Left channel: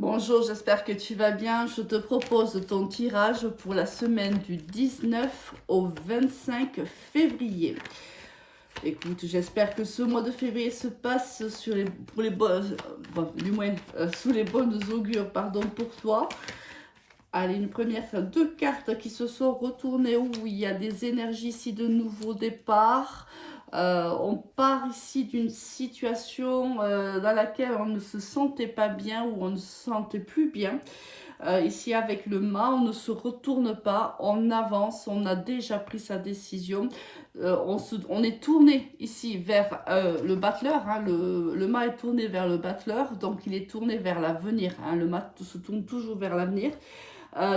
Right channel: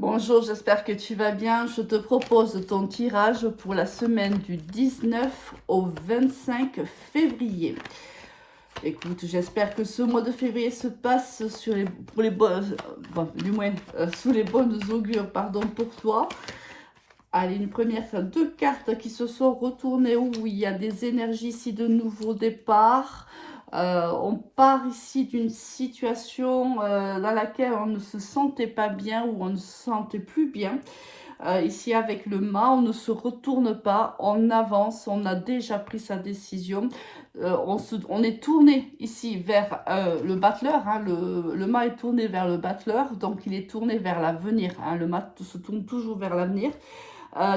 Bonjour, j'espère que tu vas bien. Je te propose ton tirage pour la semaine du 19 au 25 février. Écoute, j'espère que ce mois de février se passe sur pour les bonnes, bon, du moins, sous les bonnes augures, pardon, pour toi. Allez, une première, deux cartes qui se sont retournées où il y a des énergies ici de nouveau départ. On part ici d'une situation dans laquelle on ne se sentait pas bien ou on ne se sentait plus bien. Ici avec le mât, on ne se retourne pas, on avance, on a déjà pris sa décision. On est tourné ici vers le battleur, hein, le mât est tourné vers le battleur, donc il est tourné vers l'avenir, hein, le mât se tourne toujours vers l'avenir.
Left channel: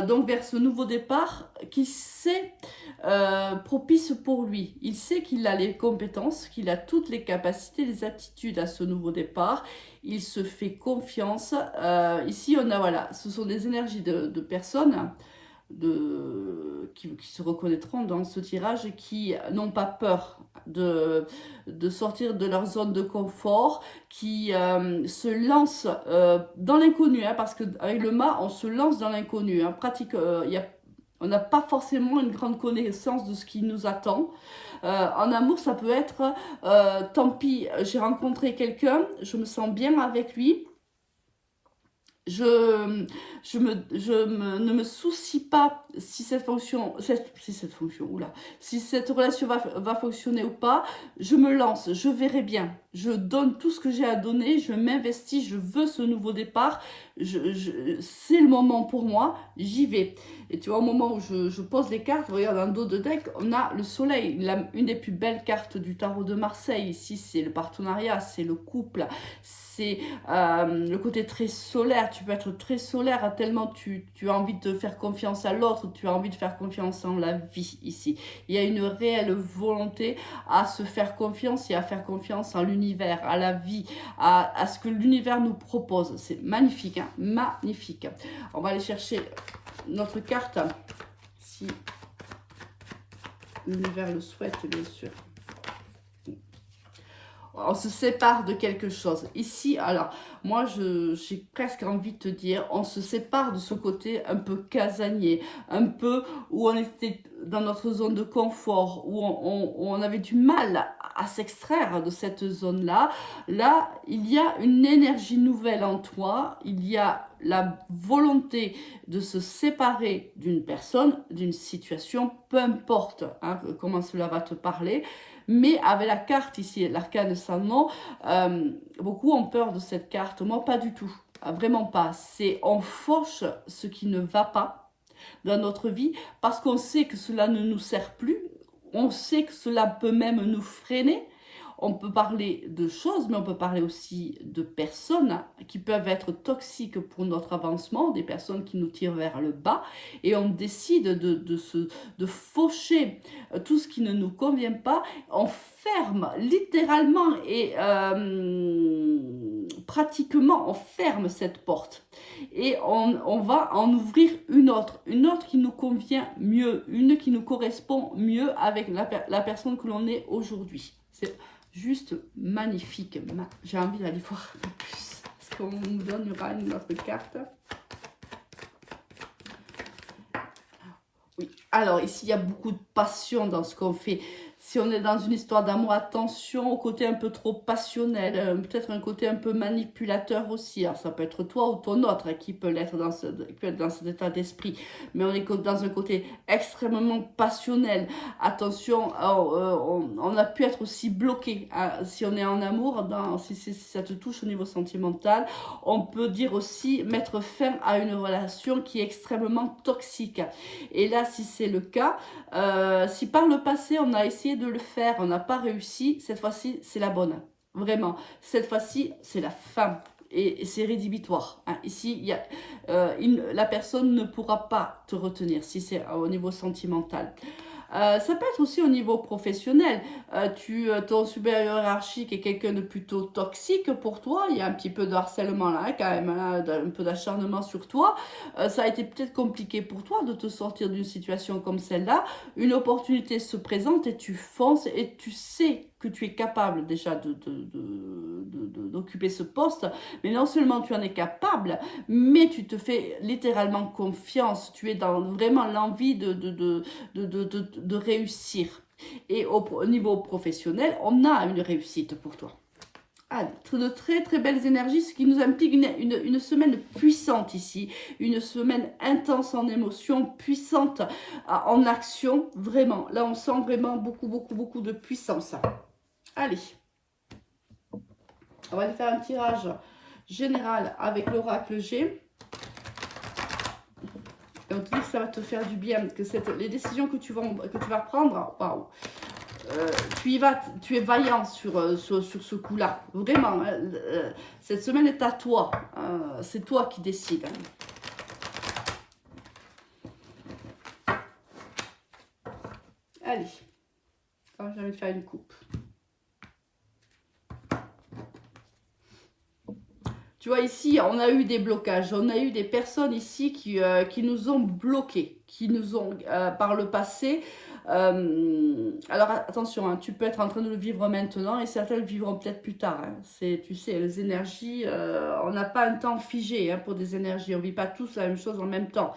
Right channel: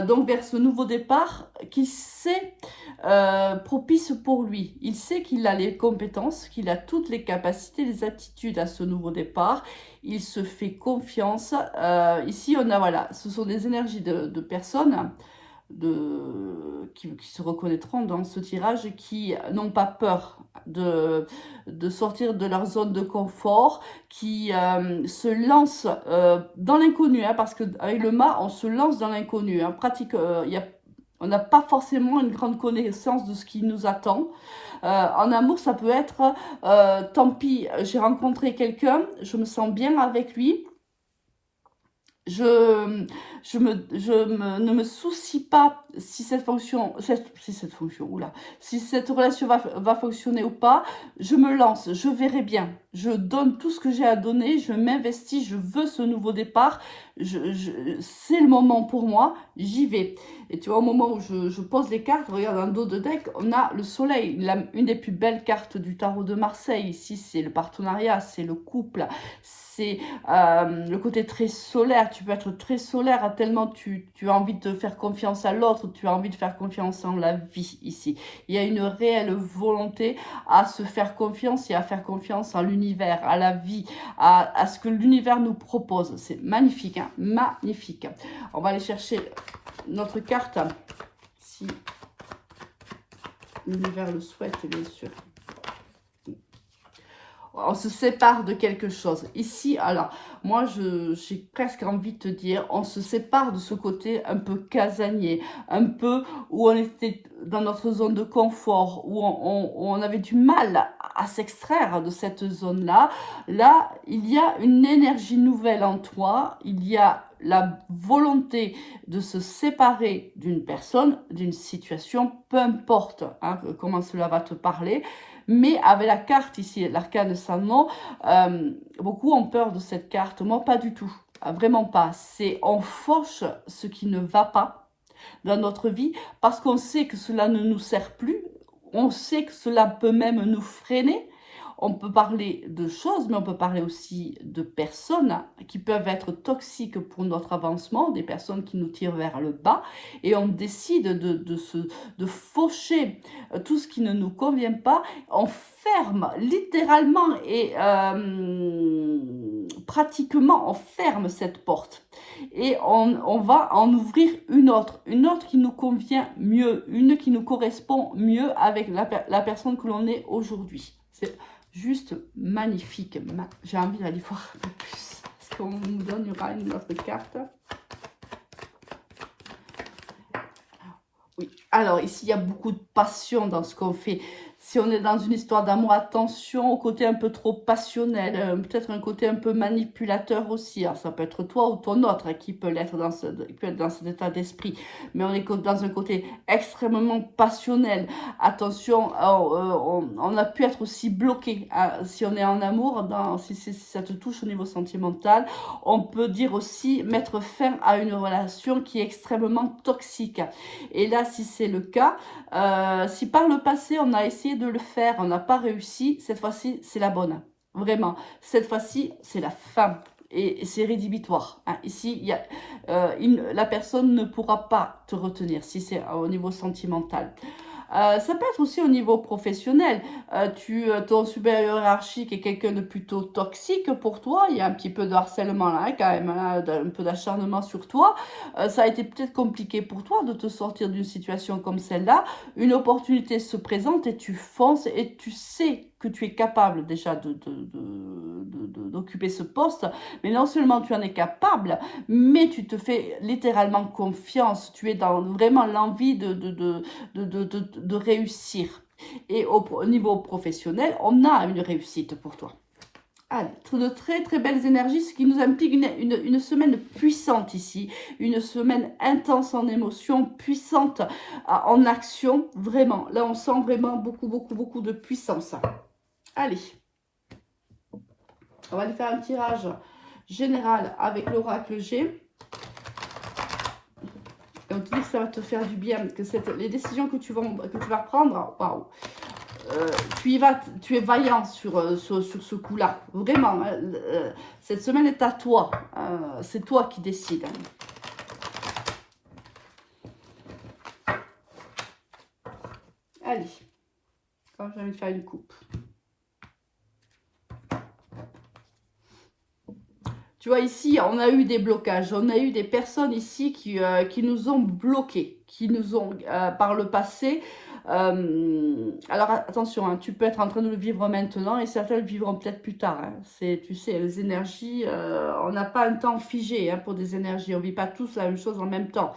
Donc vers ce nouveau départ qui c'est propice pour lui. Il sait qu'il a les compétences, qu'il a toutes les capacités, les attitudes à ce nouveau départ. Il se fait confiance. Ici, on a, voilà, ce sont des énergies de personnes qui se reconnaîtront dans ce tirage et qui n'ont pas peur de sortir de leur zone de confort, qui se lancent dans l'inconnu, hein, parce qu'avec le mât, on se lance dans l'inconnu. Hein, on n'a pas forcément une grande connaissance de ce qui nous attend. En amour, ça peut être, tant pis, j'ai rencontré quelqu'un, je me sens bien avec lui, ne me soucie pas si cette si cette relation va fonctionner ou pas. Je me lance, je verrai bien. Je donne tout ce que j'ai à donner, je m'investis, je veux ce nouveau départ. C'est le moment pour moi, j'y vais. Et tu vois, au moment où je pose les cartes, regarde dans le dos de deck, on a le soleil, une des plus belles cartes du tarot de Marseille. Ici, c'est le partenariat, c'est le couple, c'est le côté très solaire. Tu peux être très solaire tellement tu as envie de faire confiance à l'autre, tu as envie de faire confiance en la vie ici. Il y a une réelle volonté à se faire confiance et à faire confiance en l'univers, à la vie, à ce que l'univers nous propose. C'est magnifique, hein, magnifique. On va aller chercher notre carte, si l'univers le souhaite, bien sûr. On se sépare de quelque chose. Ici, alors, moi, j'ai presque envie de te dire, on se sépare de ce côté un peu casanier, un peu où on était dans notre zone de confort, où on avait du mal à s'extraire de cette zone-là. Là, il y a une énergie nouvelle en toi, il y a la volonté de se séparer d'une personne, d'une situation, peu importe hein, comment cela va te parler. Mais avec la carte ici, l'arcane sans nom, beaucoup ont peur de cette carte. Moi, pas du tout. Vraiment pas. C'est on fauche ce qui ne va pas dans notre vie parce qu'on sait que cela ne nous sert plus. On sait que cela peut même nous freiner. On peut parler de choses, mais on peut parler aussi de personnes qui peuvent être toxiques pour notre avancement, des personnes qui nous tirent vers le bas. Et on décide de faucher tout ce qui ne nous convient pas. On ferme littéralement et pratiquement, on ferme cette porte. Et on va en ouvrir une autre qui nous convient mieux, une qui nous correspond mieux avec la personne que l'on est aujourd'hui. C'est juste magnifique. J'ai envie d'aller voir un peu plus. Est-ce qu'on nous donnera une autre carte? Oui. Alors ici, il y a beaucoup de passion dans ce qu'on fait. Si on est dans une histoire d'amour, attention au côté un peu trop passionnel, peut-être un côté un peu manipulateur aussi. Alors, ça peut être toi ou ton autre hein, qui peut être dans cet état d'esprit. Mais on est dans un côté extrêmement passionnel. Attention, on a pu être aussi bloqué hein, si on est en amour, si ça te touche au niveau sentimental. On peut dire aussi mettre fin à une relation qui est extrêmement toxique. Et là, si c'est le cas, si par le passé on a essayé de le faire, on n'a pas réussi, cette fois-ci c'est la bonne. Vraiment, cette fois-ci c'est la fin et c'est rédhibitoire. Hein. Ici, la personne ne pourra pas te retenir si c'est au niveau sentimental. Ça peut être aussi au niveau professionnel. Ton supérieur hiérarchique est quelqu'un de plutôt toxique pour toi. Il y a un petit peu de harcèlement là, hein, quand même, là, un peu d'acharnement sur toi. Ça a été peut-être compliqué pour toi de te sortir d'une situation comme celle-là. Une opportunité se présente et tu fonces et tu sais que tu es capable déjà d'occuper ce poste, mais non seulement tu en es capable, mais tu te fais littéralement confiance, tu es dans vraiment l'envie de réussir. Et au niveau professionnel, on a une réussite pour toi. Ah, de très très belles énergies, ce qui nous implique une semaine puissante ici, une semaine intense en émotions, puissante en action, vraiment. Là, on sent vraiment beaucoup de puissance. Allez, on va aller faire un tirage général avec l'oracle G. On te dit que ça va te faire du bien, que les décisions que tu vas prendre, waouh, tu es vaillant sur ce coup-là. Vraiment, cette semaine est à toi. C'est toi qui décides. Allez, j'ai envie de faire une coupe. Tu vois, ici, on a eu des blocages. On a eu des personnes ici qui nous ont bloqués, qui nous ont, par le passé... alors attention, hein, tu peux être en train de le vivre maintenant et certains le vivront peut-être plus tard. Hein. Tu sais, les énergies, on n'a pas un temps figé hein, pour des énergies. On ne vit pas tous la même chose en même temps.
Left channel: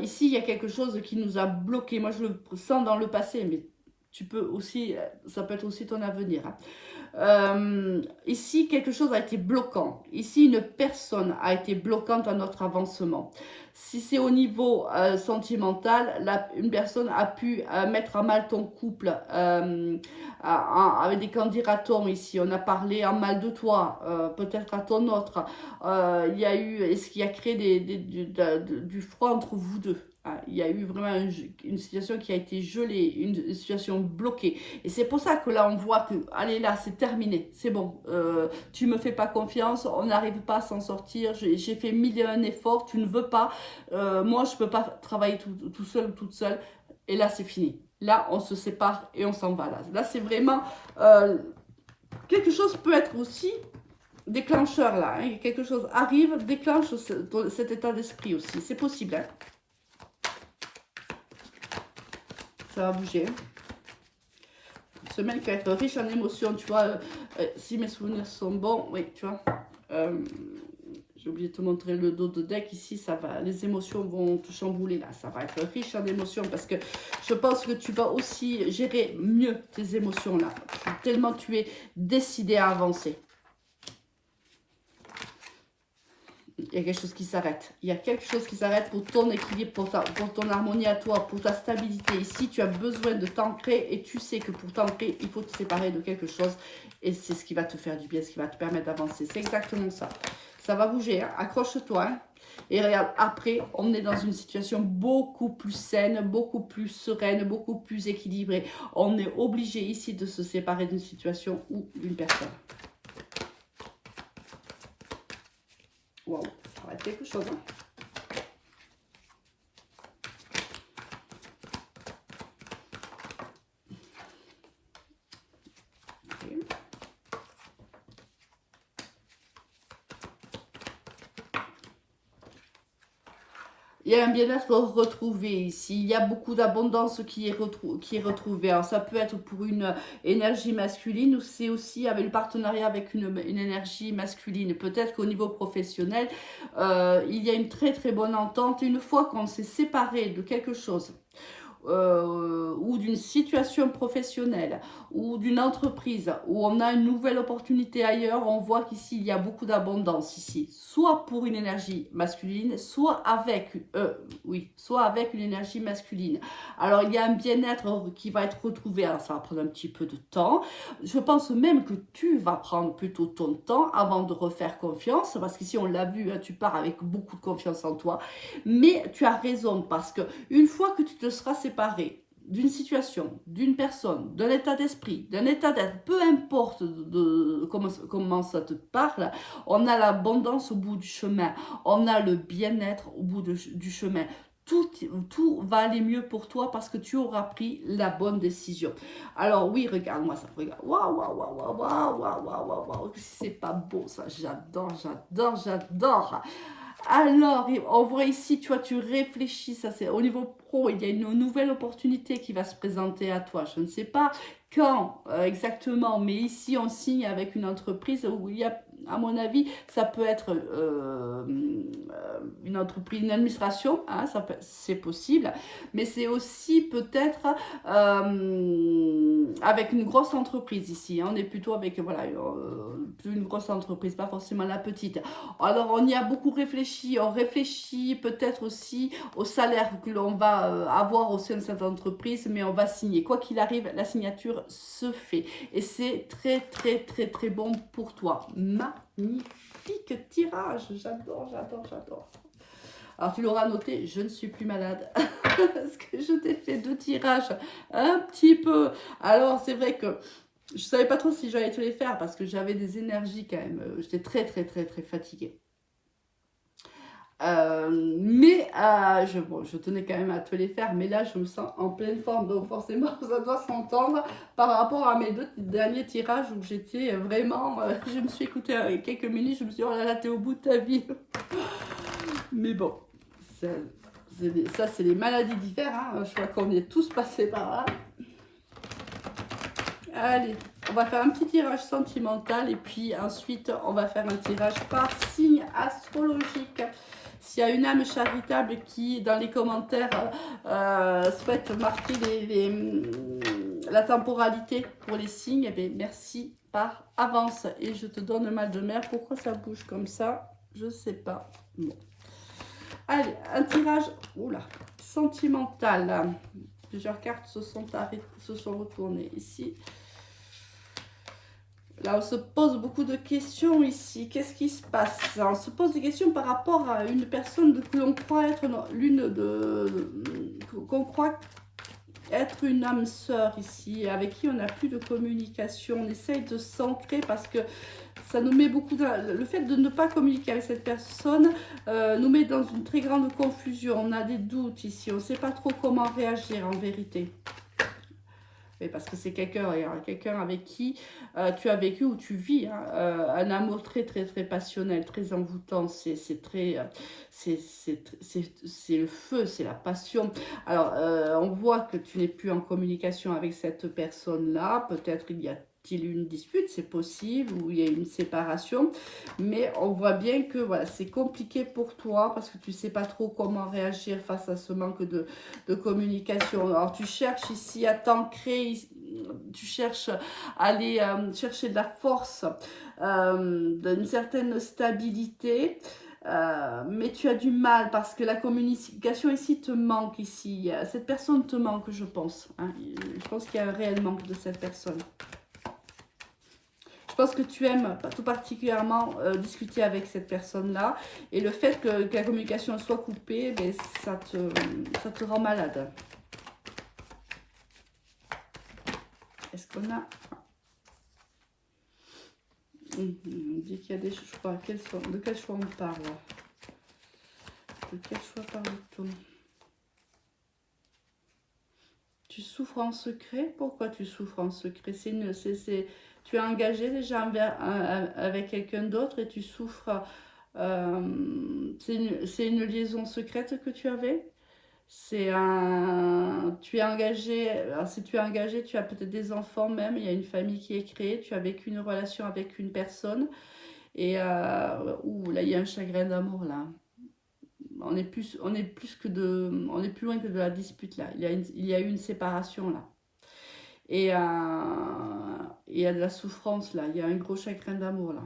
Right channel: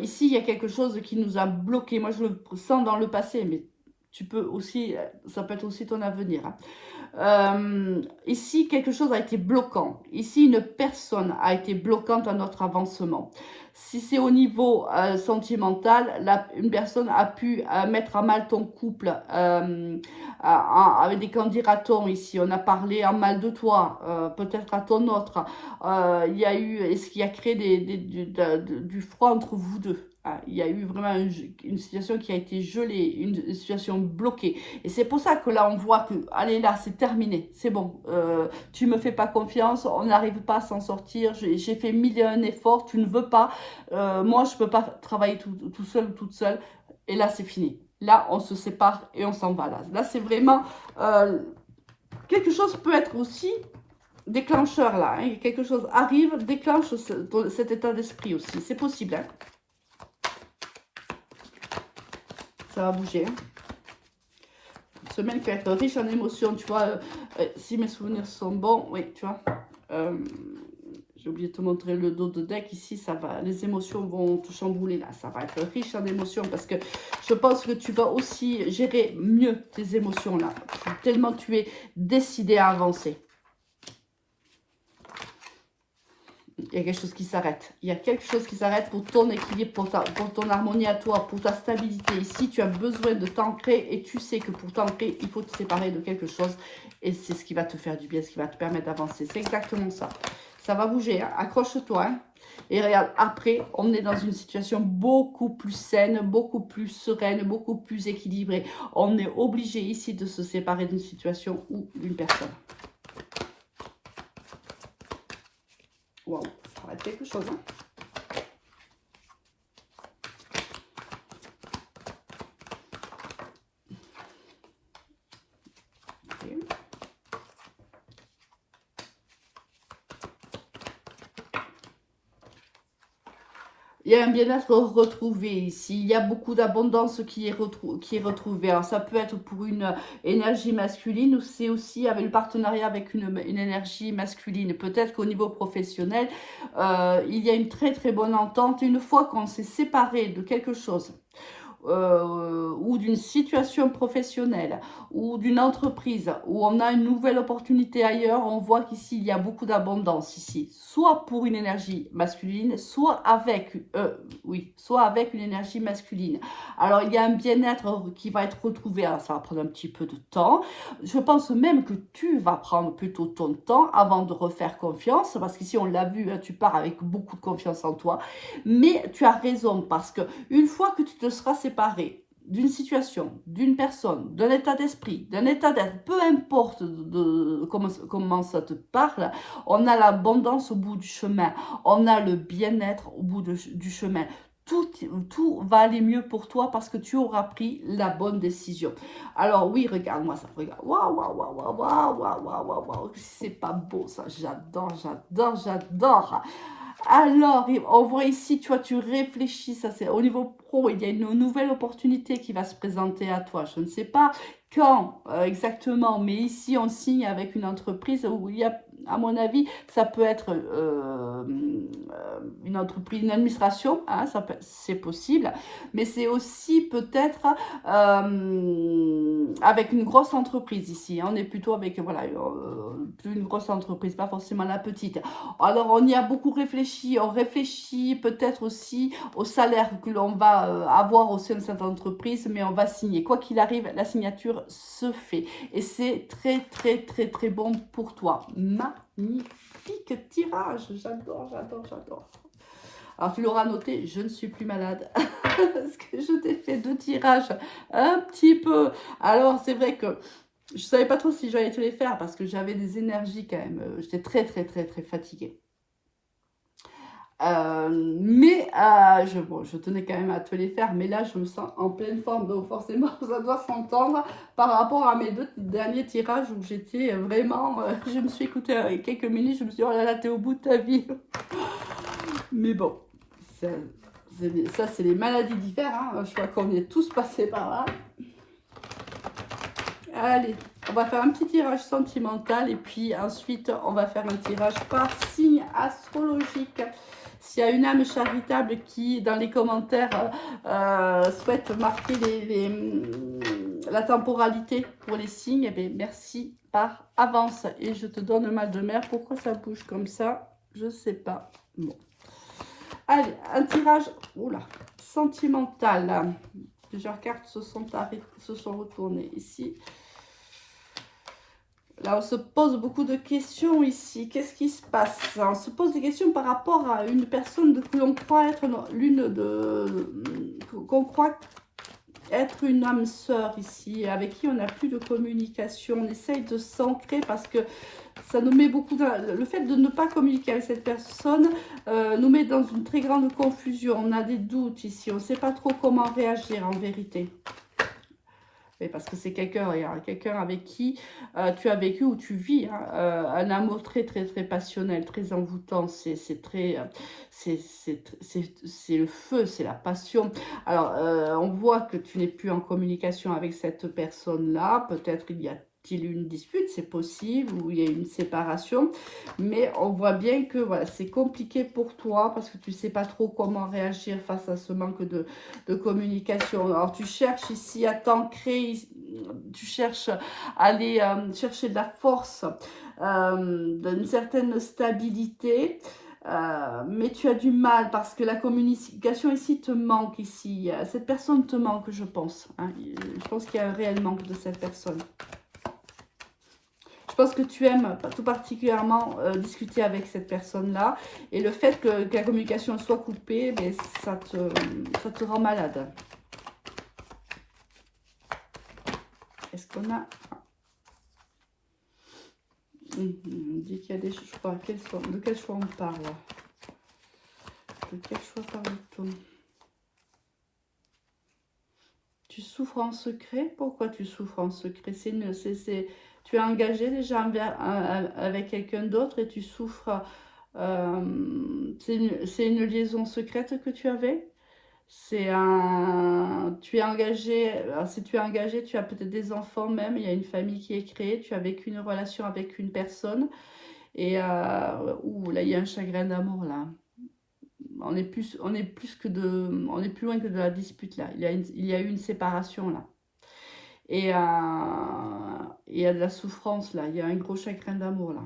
Ici, il y a quelque chose qui nous a bloqués. Moi, je le sens dans le passé, mais tu peux aussi, ça peut être aussi ton avenir. Hein. Ici, quelque chose a été bloquant. Ici, une personne a été bloquante à notre avancement. Si c'est au niveau sentimental, une personne a pu mettre à mal ton couple avec des candidatons ici. On a parlé en mal de toi, peut-être à ton autre. Il y a eu, ce qui a créé du froid entre vous deux. Il y a eu vraiment une situation qui a été gelée, une situation bloquée. Et c'est pour ça que là, on voit que, allez là, c'est terminé, c'est bon. Tu me fais pas confiance, on n'arrive pas à s'en sortir. J'ai fait 1001 efforts, tu ne veux pas. Moi, je peux pas travailler tout seul ou toute seule. Et là, c'est fini. Là, on se sépare et on s'en va. Là, c'est vraiment... quelque chose peut être aussi déclencheur là. Hein. Quelque chose arrive, déclenche cet état d'esprit aussi. C'est possible. Hein. Ça va bouger. Une semaine qui va être riche en émotions, tu vois. Si mes souvenirs sont bons, oui, tu vois. J'ai oublié de te montrer le dos de deck ici, ça va, les émotions vont te chambouler là, ça va être riche en émotions parce que je pense que tu vas aussi gérer mieux tes émotions là, tellement tu es décidé à avancer. Il y a quelque chose qui s'arrête. Il y a quelque chose qui s'arrête pour ton équilibre, pour ton harmonie à toi, pour ta stabilité. Ici, tu as besoin de t'ancrer et tu sais que pour t'ancrer, il faut te séparer de quelque chose. Et c'est ce qui va te faire du bien, ce qui va te permettre d'avancer. C'est exactement ça. Ça va bouger, hein. Accroche-toi. Hein. Et regarde, après, on est dans une situation beaucoup plus saine, beaucoup plus sereine, beaucoup plus équilibrée. On est obligé ici de se séparer d'une situation ou d'une personne. Wow, ça va être quelque chose. Hein. Okay. Il y a un bien-être retrouvé ici. Il y a beaucoup d'abondance qui est retrouvée. Alors, ça peut être pour une énergie masculine ou c'est aussi avec le partenariat avec une énergie masculine. Peut-être qu'au niveau professionnel, il y a une très très bonne entente. Une fois qu'on s'est séparé de quelque chose, ou d'une situation professionnelle ou d'une entreprise où on a une nouvelle opportunité ailleurs, on voit qu'ici il y a beaucoup d'abondance ici, soit pour une énergie masculine, soit avec une énergie masculine. Alors il y a un bien-être qui va être retrouvé. Alors, ça va prendre un petit peu de temps. Je pense même que tu vas prendre plutôt ton temps avant de refaire confiance, parce qu'ici on l'a vu, hein, tu pars avec beaucoup de confiance en toi, mais tu as raison, parce que une fois que tu te seras séparé d'une situation, d'une personne, d'un état d'esprit, d'un état d'être, peu importe comment ça te parle, on a l'abondance au bout du chemin, on a le bien-être au bout du chemin. Tout va aller mieux pour toi parce que tu auras pris la bonne décision. Alors oui, regarde-moi ça, regarde. Waouh, waouh, waouh, waouh, waouh, waouh, waouh, waouh, c'est pas beau ça, j'adore, j'adore, j'adore. Alors, on voit ici, tu vois, tu réfléchis, ça c'est au niveau pro, il y a une nouvelle opportunité qui va se présenter à toi. Je ne sais pas quand exactement, mais ici on signe avec une entreprise où il y a, à mon avis, ça peut être une entreprise, une administration, hein, c'est possible, mais c'est aussi peut-être avec une grosse entreprise ici. Hein, on est plutôt avec, voilà, une grosse entreprise, pas forcément la petite. Alors, on y a beaucoup réfléchi. On réfléchit peut-être aussi au salaire que l'on va avoir au sein de cette entreprise, mais on va signer. Quoi qu'il arrive, la signature se fait. Et c'est très, très, très, très bon pour toi. Magnifique tirage. J'adore, j'adore, j'adore. Alors, tu l'auras noté, je ne suis plus malade. Parce que je t'ai fait 2 tirages un petit peu. Alors, c'est vrai que je savais pas trop si j'allais te les faire parce que j'avais des énergies quand même. J'étais très, très, très, très fatiguée. Bon, je tenais quand même à te les faire, mais là je me sens en pleine forme, donc forcément ça doit s'entendre par rapport à mes 2 derniers tirages où j'étais vraiment, je me suis écoutée quelques minutes, je me suis dit oh là là t'es au bout de ta vie. Mais bon, ça c'est les maladies d'hiver, hein. Je crois qu'on est tous passés par là. Allez, on va faire un petit tirage sentimental et puis ensuite on va faire un tirage par signe astrologique. S'il y a une âme charitable qui, dans les commentaires, souhaite marquer la temporalité pour les signes, eh bien, merci par avance. Et je te donne mal de mer. Pourquoi ça bouge comme ça? Je ne sais pas. Bon. Allez, un tirage sentimental. Plusieurs cartes se sont retournées ici. Là, on se pose beaucoup de questions ici. Qu'est-ce qui se passe? On se pose des questions par rapport à une personne que l'on croit être qu'on croit être une âme sœur ici, avec qui on n'a plus de communication. On essaye de s'ancrer parce que ça nous met beaucoup le fait de ne pas communiquer avec cette personne nous met dans une très grande confusion. On a des doutes ici. On ne sait pas trop comment réagir en vérité. Parce que c'est quelqu'un avec qui tu as vécu ou tu vis hein, un amour très très très passionnel, très envoûtant, c'est le feu, c'est la passion. Alors on voit que tu n'es plus en communication avec cette personne-là, peut-être il y a une dispute, c'est possible, ou il y a une séparation, mais on voit bien que voilà, c'est compliqué pour toi parce que tu ne sais pas trop comment réagir face à ce manque de communication. Alors tu cherches ici à t'ancrer, tu cherches à aller chercher de la force, d'une certaine stabilité, mais tu as du mal parce que la communication ici te manque ici. Cette personne te manque, je pense. Hein. Je pense qu'il y a un réel manque de cette personne. Je pense que tu aimes tout particulièrement discuter avec cette personne-là. Et le fait que la communication soit coupée, ben, ça te rend malade. Est-ce qu'on a... On dit qu'il y a des choix. De quel choix on parle? De quel choix parle-t-on? Tu souffres en secret? Pourquoi tu souffres en secret? Tu es engagé déjà avec quelqu'un d'autre et tu souffres. C'est une liaison secrète que tu avais? Tu es engagé. Alors si tu es engagé, tu as peut-être des enfants même. Il y a une famille qui est créée. Tu as vécu une relation avec une personne. Et là, il y a un chagrin d'amour là. On est plus loin que de la dispute là. Il y a eu une séparation là. Et il y a de la souffrance là. Il y a un gros chagrin d'amour là.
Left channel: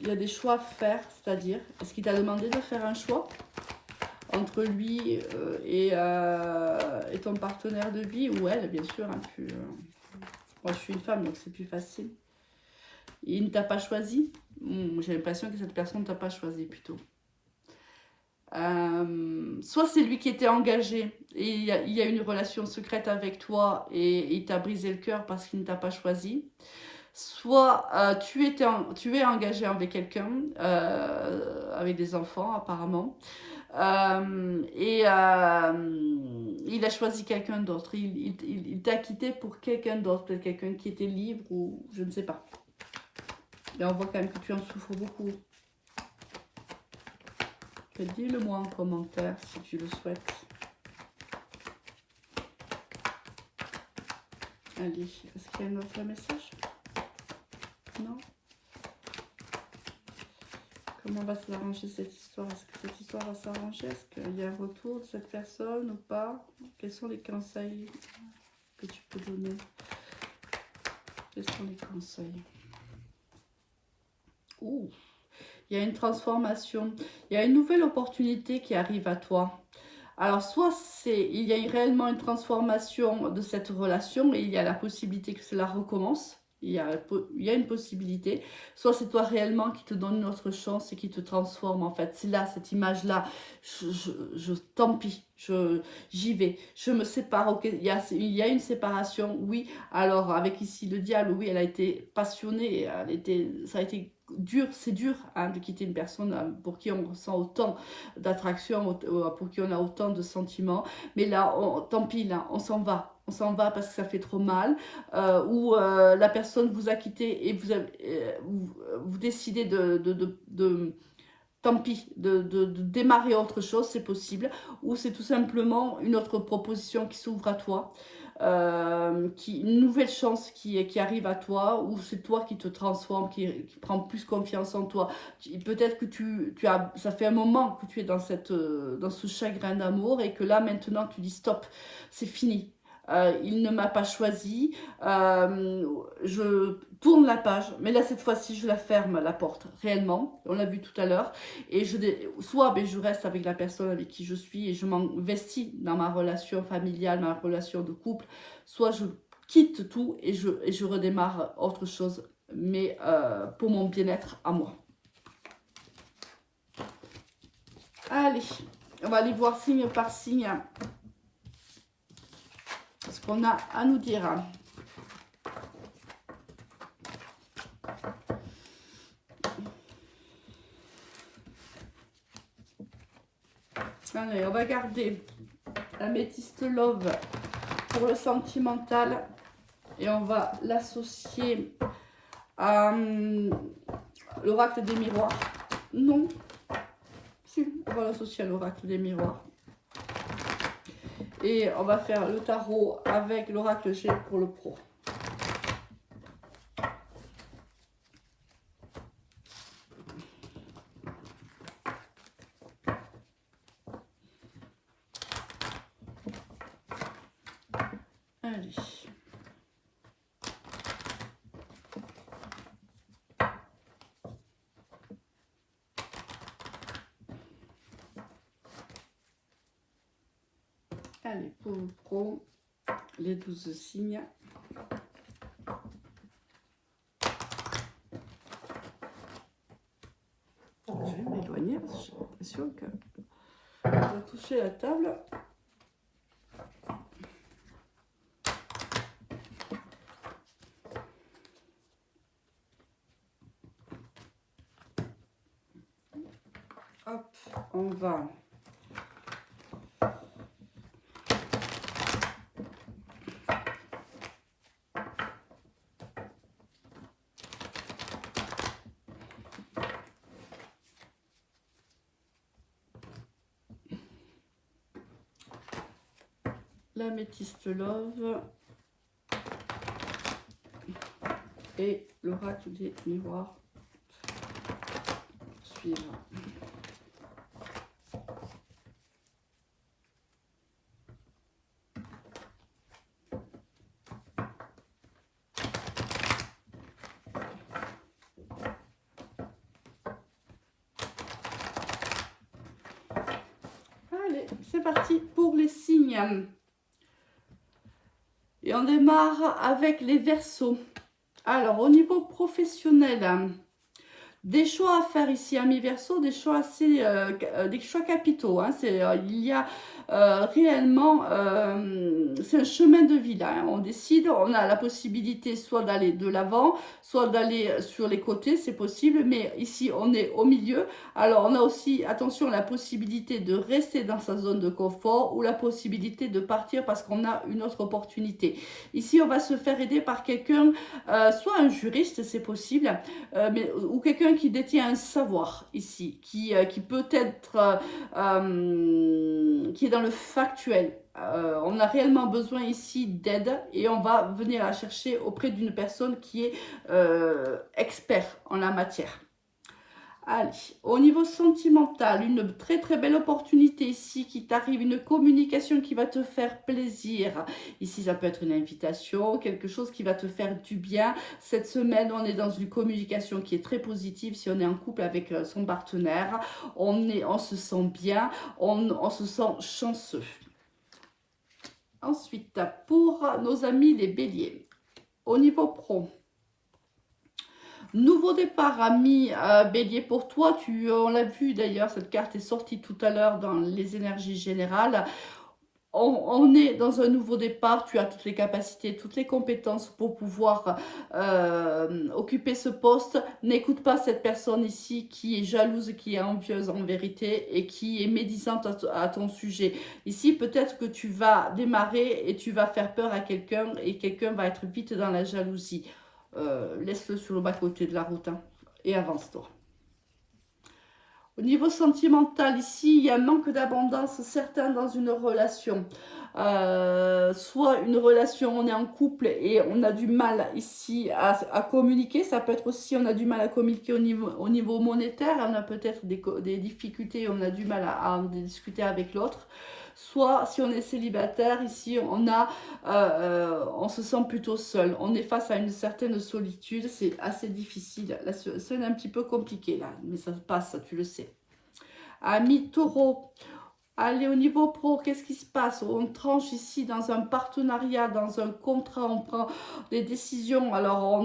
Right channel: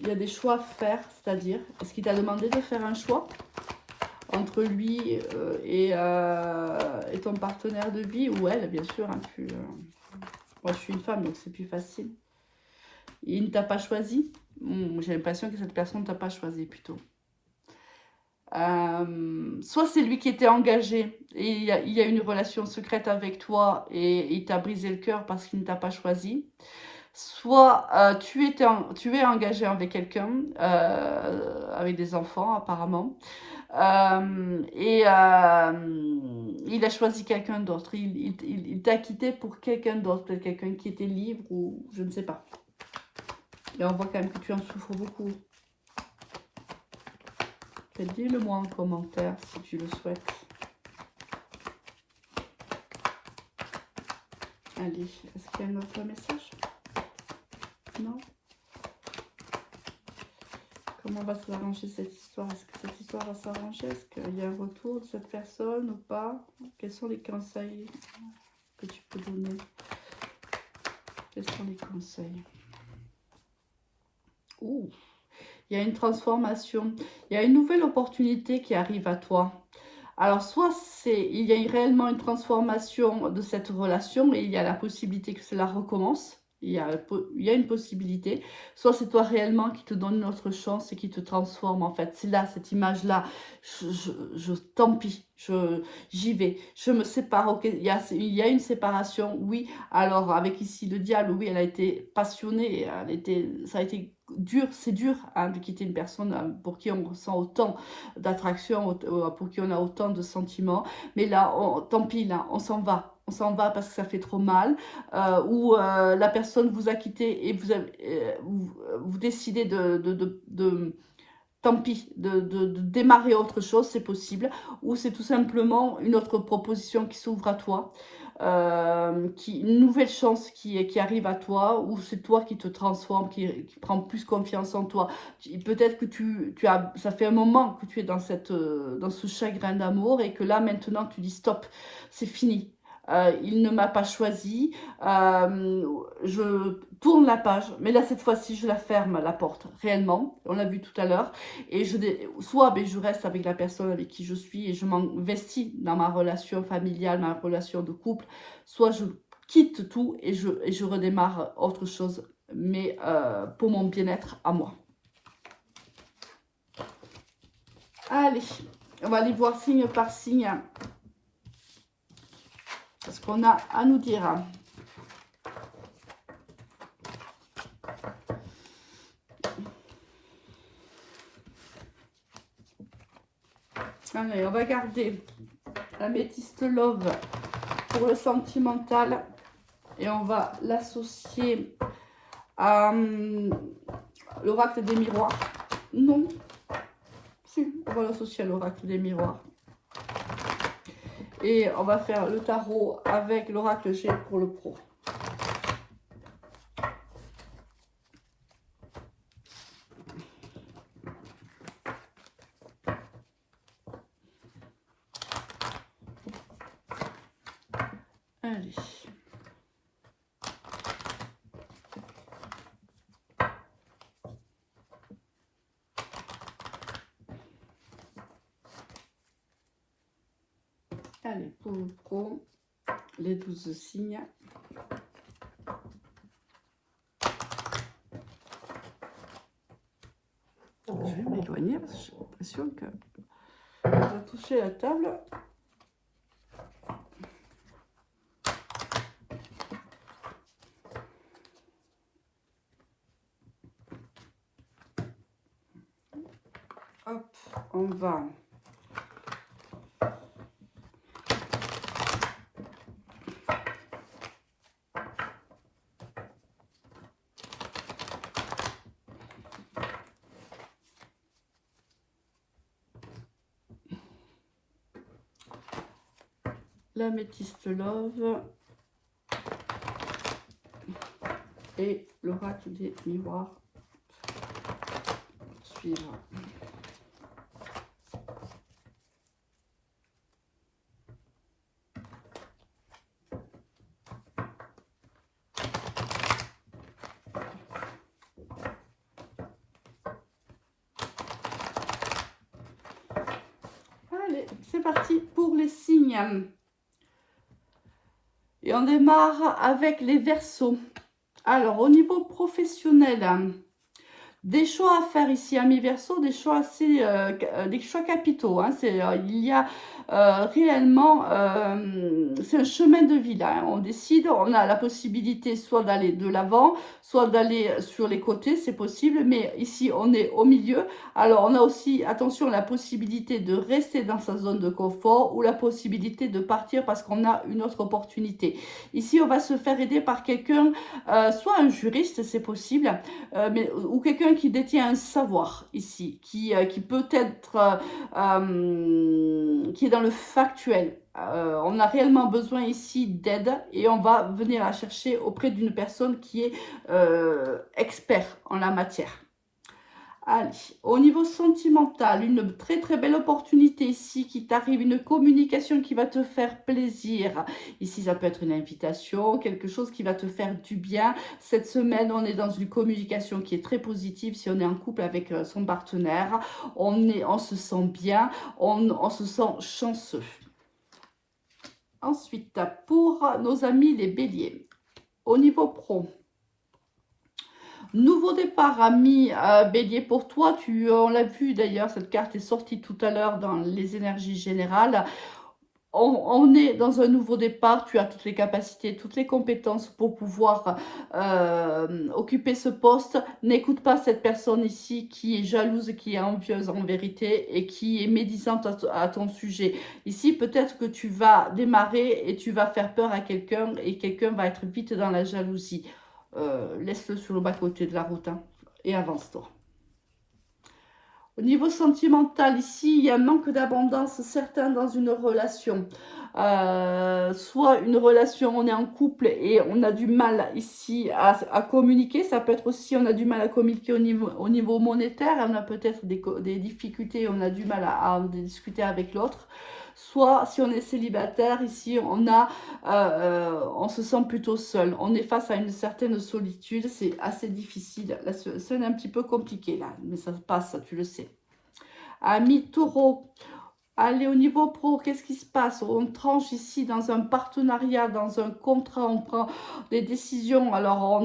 Il y a des choix à faire, c'est-à-dire, est-ce qu'il t'a demandé de faire un choix entre lui et ton partenaire de vie, ou elle, bien sûr. Hein, moi, je suis une femme, donc c'est plus facile. Il ne t'a pas choisi. J'ai l'impression que cette personne ne t'a pas choisi, plutôt. Soit c'est lui qui était engagé et il y a une relation secrète avec toi et il t'a brisé le cœur parce qu'il ne t'a pas choisi. Soit tu es engagé avec quelqu'un, avec des enfants apparemment, et il a choisi quelqu'un d'autre. Il t'a quitté pour quelqu'un d'autre, peut-être quelqu'un qui était libre ou je ne sais pas. Et on voit quand même que tu en souffres beaucoup. Dis-le-moi en commentaire si tu le souhaites. Allez, est-ce qu'il y a un autre message? Non? Comment va s'arranger cette histoire? Est-ce que cette histoire va s'arranger? Est-ce qu'il y a un retour de cette personne ou pas? Quels sont les conseils que tu peux donner? Quels sont les conseils? Ouh, il y a une transformation. Il y a une nouvelle opportunité qui arrive à toi. Alors, soit il y a réellement une transformation de cette relation et il y a la possibilité que cela recommence. Il y a une possibilité. Soit c'est toi réellement qui te donne une autre chance et qui te transforme en fait. C'est là, cette image-là. Tant pis, j'y vais. Je me sépare. Ok, il y a une séparation, oui. Alors, avec ici le diable, oui, elle a été passionnée. Ça a été dur, c'est dur hein, de quitter une personne pour qui on ressent autant d'attraction, pour qui on a autant de sentiments. Mais là, tant pis, là, on s'en va. On s'en va parce que ça fait trop mal. Ou la personne vous a quitté et vous décidez tant pis, de démarrer autre chose, c'est possible. Ou c'est tout simplement une autre proposition qui s'ouvre à toi. Une nouvelle chance qui arrive à toi, ou c'est toi qui te transforme, qui prend plus confiance en toi. Peut-être que ça fait un moment que tu es dans ce chagrin d'amour et que là maintenant tu dis stop, c'est fini. Il ne m'a pas choisi, je tourne la page, mais là cette fois-ci je la ferme la porte, réellement, on l'a vu tout à l'heure, et soit je reste avec la personne avec qui je suis et je m'investis dans ma relation familiale, ma relation de couple, soit je quitte tout et je redémarre autre chose, mais pour mon bien-être à moi. Allez, on va aller voir signe par signe ce qu'on a à nous dire. Allez, on va garder l'améthyste love pour le sentimental et on va l'associer à l'oracle des miroirs. Non, si, on va l'associer à l'oracle des miroirs. Et on va faire le tarot avec l'oracle G pour le pro. Allez. Allez, pour le pro, les 12 signes. Je vais m'éloigner parce que j'ai l'impression que je vais toucher la table. Hop, on va l'améthyste love et l'oracle des miroirs suivre. Allez, c'est parti pour les signes. Et on démarre avec les Verseaux. Alors, au niveau professionnel, des choix à faire ici, amis Verseaux, des choix capitaux. Hein. Il y a réellement, c'est un chemin de vie là, hein. On décide, on a la possibilité soit d'aller de l'avant, soit d'aller sur les côtés, c'est possible, mais ici on est au milieu. Alors on a aussi, attention, la possibilité de rester dans sa zone de confort ou la possibilité de partir parce qu'on a une autre opportunité. Ici on va se faire aider par quelqu'un, soit un juriste, c'est possible, ou quelqu'un qui détient un savoir ici, qui peut être, qui est dans le factuel. On a réellement besoin ici d'aide et on va venir la chercher auprès d'une personne qui est expert en la matière. Allez, au niveau sentimental, une très très belle opportunité ici qui t'arrive, une communication qui va te faire plaisir. Ici, ça peut être une invitation, quelque chose qui va te faire du bien. Cette semaine, on est dans une communication qui est très positive. Si on est en couple avec son partenaire, on se sent bien, on se sent chanceux. Ensuite, pour nos amis les béliers, au niveau pro, nouveau départ, ami bélier, pour toi. On l'a vu d'ailleurs, cette carte est sortie tout à l'heure dans les énergies générales. On est dans un nouveau départ, tu as toutes les capacités, toutes les compétences pour pouvoir occuper ce poste. N'écoute pas cette personne ici qui est jalouse, qui est envieuse en vérité et qui est médisante à ton sujet. Ici, peut-être que tu vas démarrer et tu vas faire peur à quelqu'un et quelqu'un va être vite dans la jalousie. Laisse-le sur le bas-côté de la route, hein, et avance-toi. Au niveau sentimental, ici, il y a un manque d'abondance certain dans une relation. Soit une relation, on est en couple et on a du mal ici à communiquer. Ça peut être aussi, on a du mal à communiquer au niveau monétaire. On a peut-être des difficultés, on a du mal à discuter avec l'autre. Soit si on est célibataire, ici on se sent plutôt seul. On est face à une certaine solitude, c'est assez difficile. La scène est un petit peu compliquée là, mais ça passe, tu le sais. Ami taureau, allez, au niveau pro, qu'est-ce qui se passe? On tranche ici dans un partenariat, dans un contrat, on prend des décisions. Alors,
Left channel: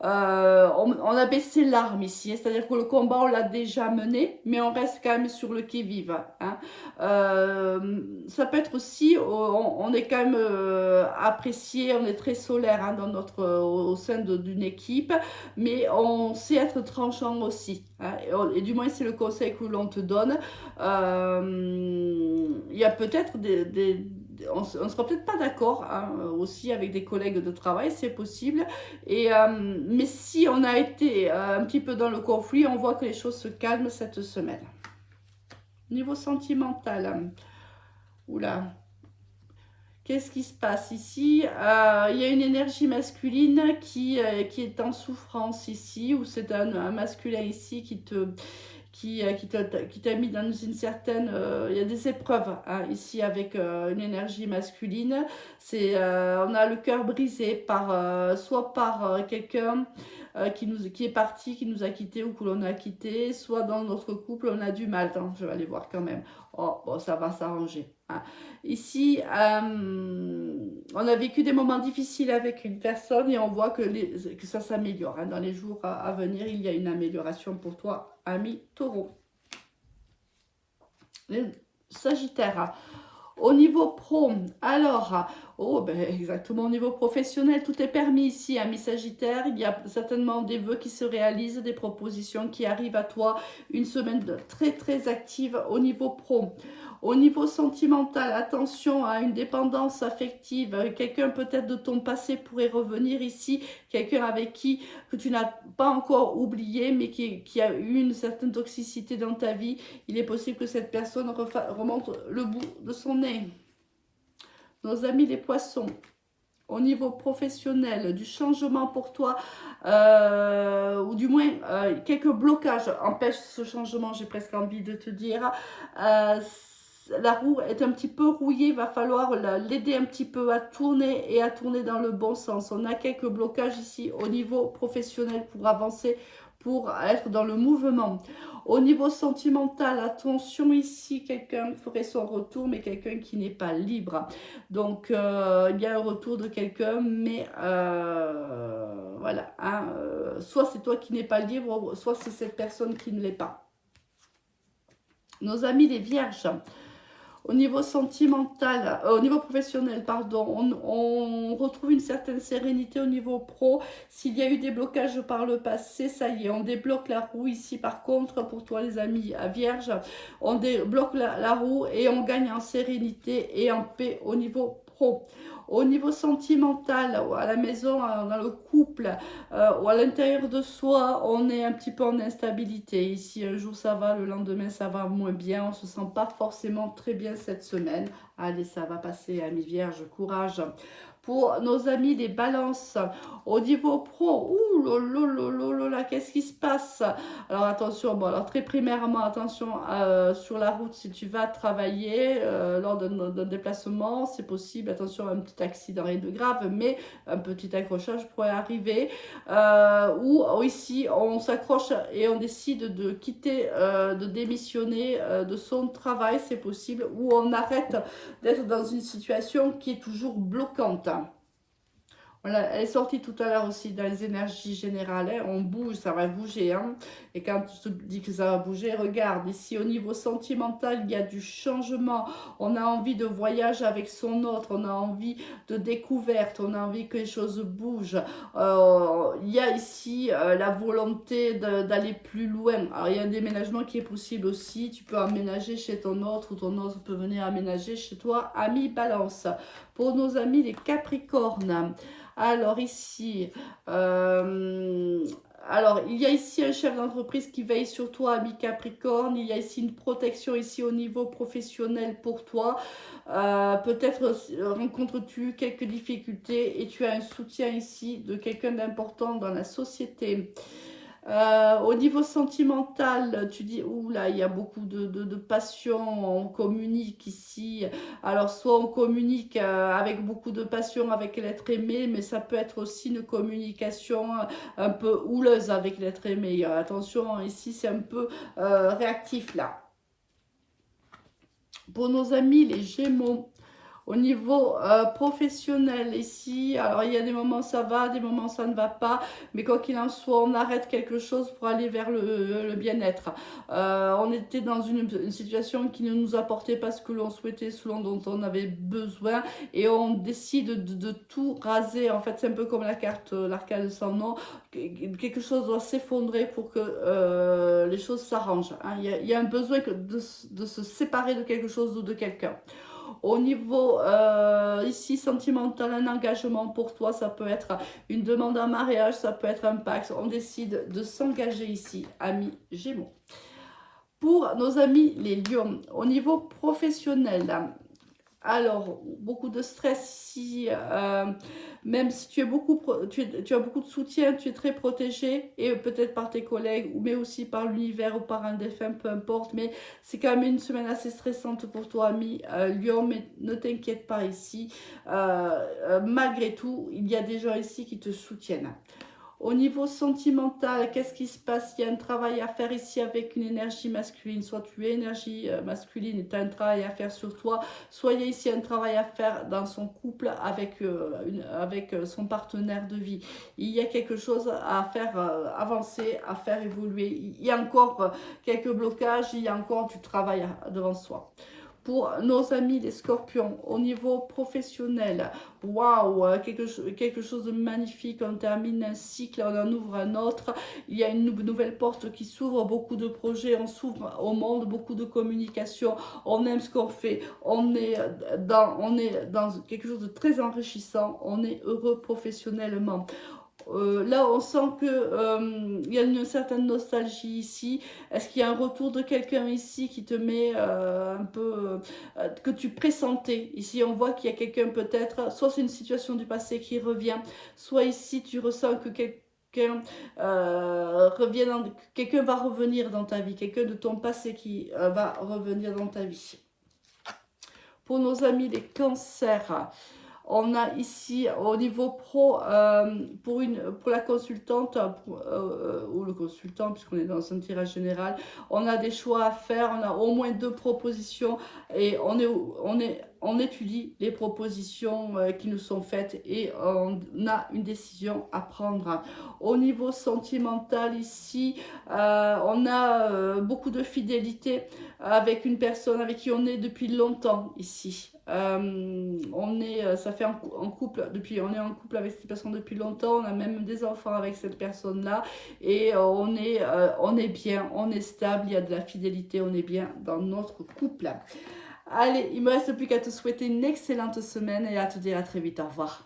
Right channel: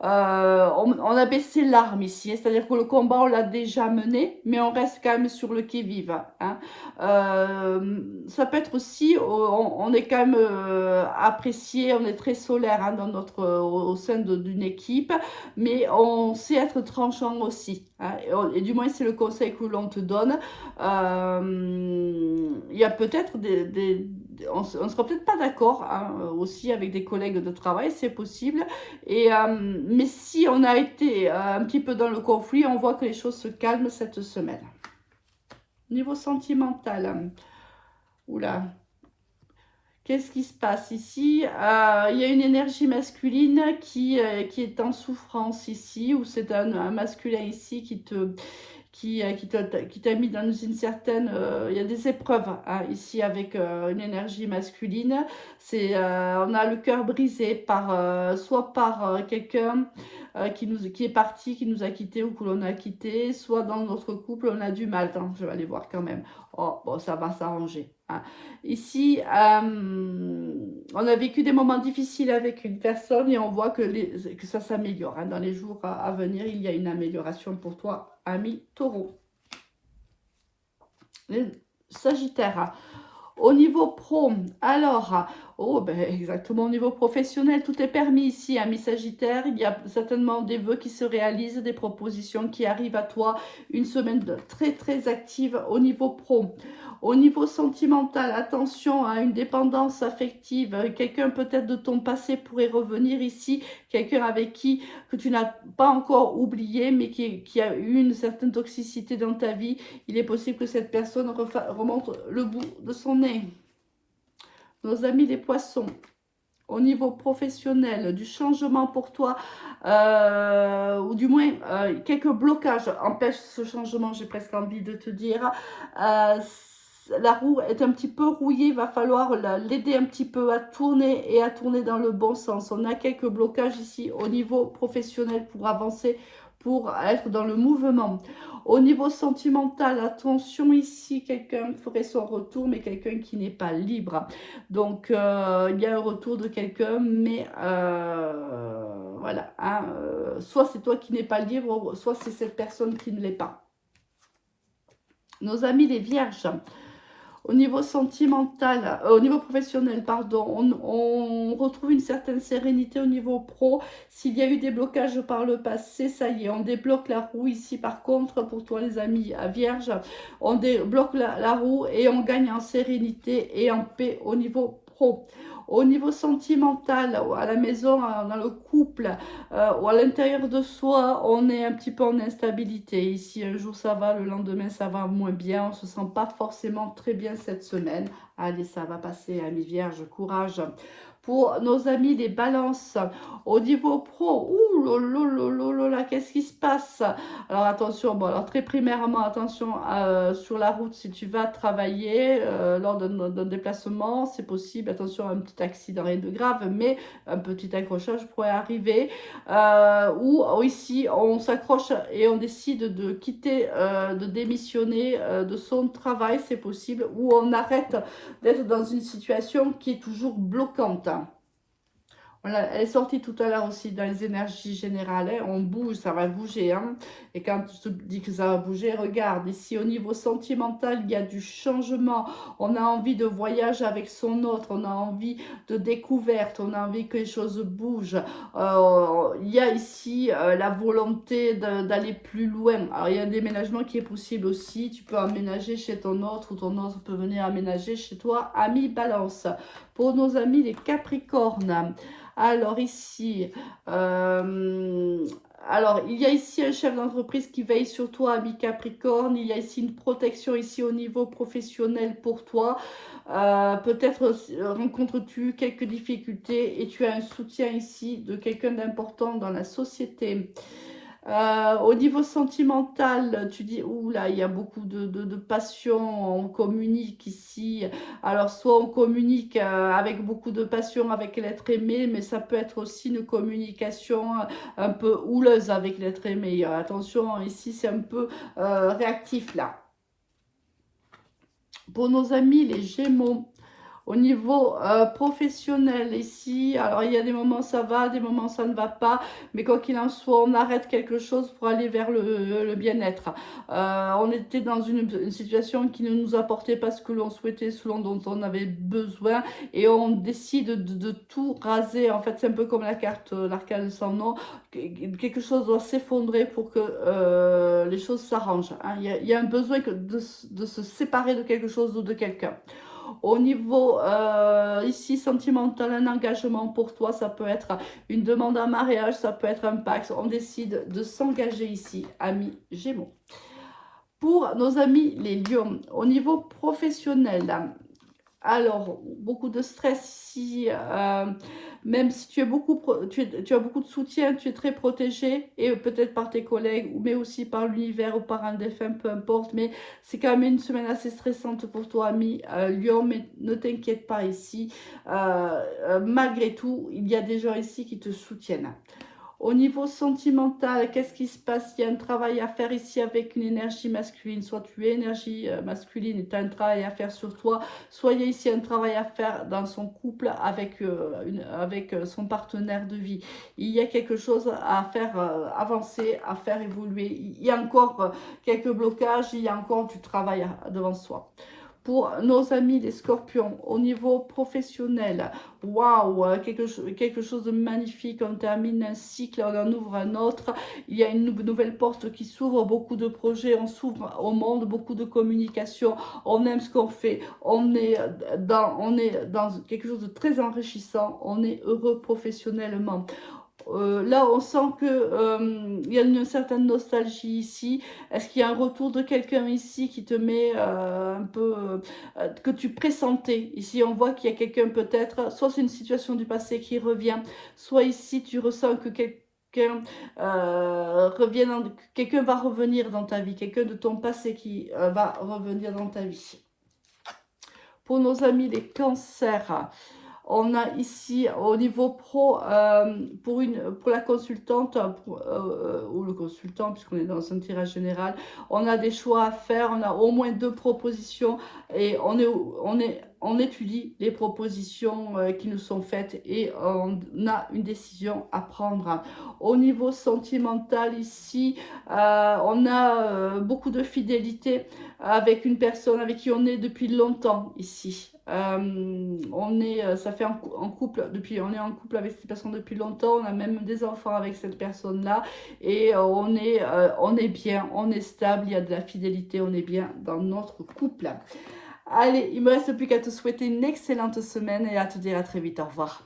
on a baissé l'arme ici, hein. C'est-à-dire que le combat, on l'a déjà mené, mais on reste quand même sur le qui-vive, hein. Ça peut être aussi, on est quand même apprécié, on est très solaire, hein, au sein d'une équipe, mais on sait être tranchant aussi, hein, et du moins, c'est le conseil que l'on te donne. Il y a peut-être on ne sera peut-être pas d'accord, hein, aussi avec des collègues de travail, c'est possible. Mais si on a été un petit peu dans le conflit, on voit que les choses se calment cette semaine. Niveau sentimental, oula, qu'est-ce qui se passe ici? Il y a une énergie masculine qui est en souffrance ici, ou c'est un masculin ici qui t'a mis dans une certaine... il y a des épreuves, hein, ici avec une énergie masculine. On a le cœur brisé soit par quelqu'un qui est parti, qui nous a quittés ou que l'on a quitté, soit dans notre couple, on a du mal. Attends, je vais aller voir quand même. Oh, bon, ça va s'arranger, hein. Ici, on a vécu des moments difficiles avec une personne et on voit que ça s'améliore, hein. Dans les jours à venir, il y a une amélioration pour toi, ami taureau. Les Sagittaires, au niveau pro, alors, exactement, au niveau professionnel, tout est permis ici, ami Sagittaire. Il y a certainement des vœux qui se réalisent, des propositions qui arrivent à toi. Une semaine très très active au niveau pro. Au niveau sentimental, attention à une dépendance affective. Quelqu'un peut-être de ton passé pourrait revenir ici. Quelqu'un avec qui que tu n'as pas encore oublié, mais qui a eu une certaine toxicité dans ta vie. Il est possible que cette personne remonte le bout de son nez. Nos amis les poissons, au niveau professionnel, du changement pour toi, ou du moins quelques blocages empêchent ce changement, j'ai presque envie de te dire. La roue est un petit peu rouillée, il va falloir l'aider un petit peu à tourner et à tourner dans le bon sens. On a quelques blocages ici au niveau professionnel pour avancer, pour être dans le mouvement. Au niveau sentimental, attention ici, quelqu'un ferait son retour, mais quelqu'un qui n'est pas libre. Donc, il y a un retour de quelqu'un, mais voilà, hein, soit c'est toi qui n'es pas libre, soit c'est cette personne qui ne l'est pas. Nos amis les vierges. Au niveau sentimental, au niveau professionnel, pardon, on retrouve une certaine sérénité au niveau pro. S'il y a eu des blocages par le passé, ça y est, on débloque la roue ici. Par contre, pour toi les amis à Vierge, on débloque la roue et on gagne en sérénité et en paix au niveau pro. Au niveau sentimental, à la maison, dans le couple, ou à l'intérieur de soi, on est un petit peu en instabilité. Ici, un jour ça va, le lendemain ça va moins bien. On ne se sent pas forcément très bien cette semaine. Allez, ça va passer, amis vierges, courage. Pour nos amis des balances, au niveau pro, ouh là, qu'est-ce qui se passe? Alors attention, bon, alors très primairement, attention sur la route si tu vas travailler lors d'un déplacement, c'est possible, attention à un petit accident, rien de grave, mais un petit accrochage pourrait arriver. Ou ici, on s'accroche et on décide de quitter, de démissionner de son travail, c'est possible, ou on arrête d'être dans une situation qui est toujours bloquante. Voilà, elle est sortie tout à l'heure aussi dans les énergies générales. Hein. On bouge, ça va bouger. Hein. Et quand je te dis que ça va bouger, regarde, ici au niveau sentimental, il y a du changement. On a envie de voyage avec son autre, on a envie de découverte, on a envie que les choses bougent. Il y a ici la volonté d'aller plus loin. Alors, il y a un déménagement qui est possible aussi. Tu peux emménager chez ton autre ou ton autre peut venir aménager chez toi. Amis Balance. Pour nos amis les Capricornes. Alors ici, alors il y a ici un chef d'entreprise qui veille sur toi, ami Capricorne. Il y a ici une protection ici au niveau professionnel pour toi. Peut-être rencontres-tu quelques difficultés et tu as un soutien ici de quelqu'un d'important dans la société. Au niveau sentimental, tu dis, oula, il y a beaucoup de passion, on communique ici. Alors, soit on communique avec beaucoup de passion avec l'être aimé, mais ça peut être aussi une communication un peu houleuse avec l'être aimé. Attention, ici, c'est un peu réactif là. Pour nos amis, les Gémeaux, au niveau professionnel ici, alors il y a des moments ça va, des moments ça ne va pas, mais quoi qu'il en soit, on arrête quelque chose pour aller vers le bien-être. On était dans une situation qui ne nous apportait pas ce que l'on souhaitait, ce dont on avait besoin, et on décide de tout raser. En fait, c'est un peu comme la carte, l'arcane sans nom. Quelque chose doit s'effondrer pour que les choses s'arrangent. Hein. Il y a un besoin de se séparer de quelque chose ou de quelqu'un. Au niveau ici sentimental, un engagement pour toi, ça peut être une demande en mariage, ça peut être un pacte. On décide de s'engager ici, amis Gémeaux. Pour nos amis les lions, au niveau professionnel, alors, beaucoup de stress ici, même si tu as beaucoup de soutien, tu es très protégé, et peut-être par tes collègues, mais aussi par l'univers ou par un défunt, peu importe, mais c'est quand même une semaine assez stressante pour toi, ami Lion, mais ne t'inquiète pas ici, malgré tout, il y a des gens ici qui te soutiennent. Au niveau sentimental, qu'est-ce qui se passe? Il y a un travail à faire ici avec une énergie masculine. Soit tu es énergie masculine et tu as un travail à faire sur toi, soit il y a ici un travail à faire dans son couple avec, son partenaire de vie. Il y a quelque chose à faire avancer, à faire évoluer. Il y a encore quelques blocages, il y a encore du travail devant soi. Pour nos amis les scorpions, au niveau professionnel, waouh, quelque chose de magnifique, on termine un cycle, on en ouvre un autre, il y a une nouvelle porte qui s'ouvre, beaucoup de projets, on s'ouvre au monde, beaucoup de communication, on aime ce qu'on fait, on est dans quelque chose de très enrichissant, on est heureux professionnellement. Là, on sent qu'il y a une certaine nostalgie ici. Est-ce qu'il y a un retour de quelqu'un ici qui te met un peu... que tu pressentais? Ici, on voit qu'il y a quelqu'un peut-être, soit c'est une situation du passé qui revient, soit ici, tu ressens que quelqu'un quelqu'un va revenir dans ta vie, quelqu'un de ton passé qui va revenir dans ta vie. Pour nos amis les cancers, on a ici au niveau pro, pour la consultante ou le consultant, puisqu'on est dans un tirage général, on a des choix à faire, on a au moins 2 propositions et on on étudie les propositions qui nous sont faites et on a une décision à prendre. Au niveau sentimental ici, on a beaucoup de fidélité avec une personne avec qui on est depuis longtemps ici. Ça fait en couple depuis, on est en couple avec cette personne depuis longtemps, on a même des enfants avec cette personne-là et on est bien, on est stable, il y a de la fidélité, on est bien dans notre couple. Allez, il me reste plus qu'à te souhaiter une excellente semaine et à te dire à très vite, au revoir.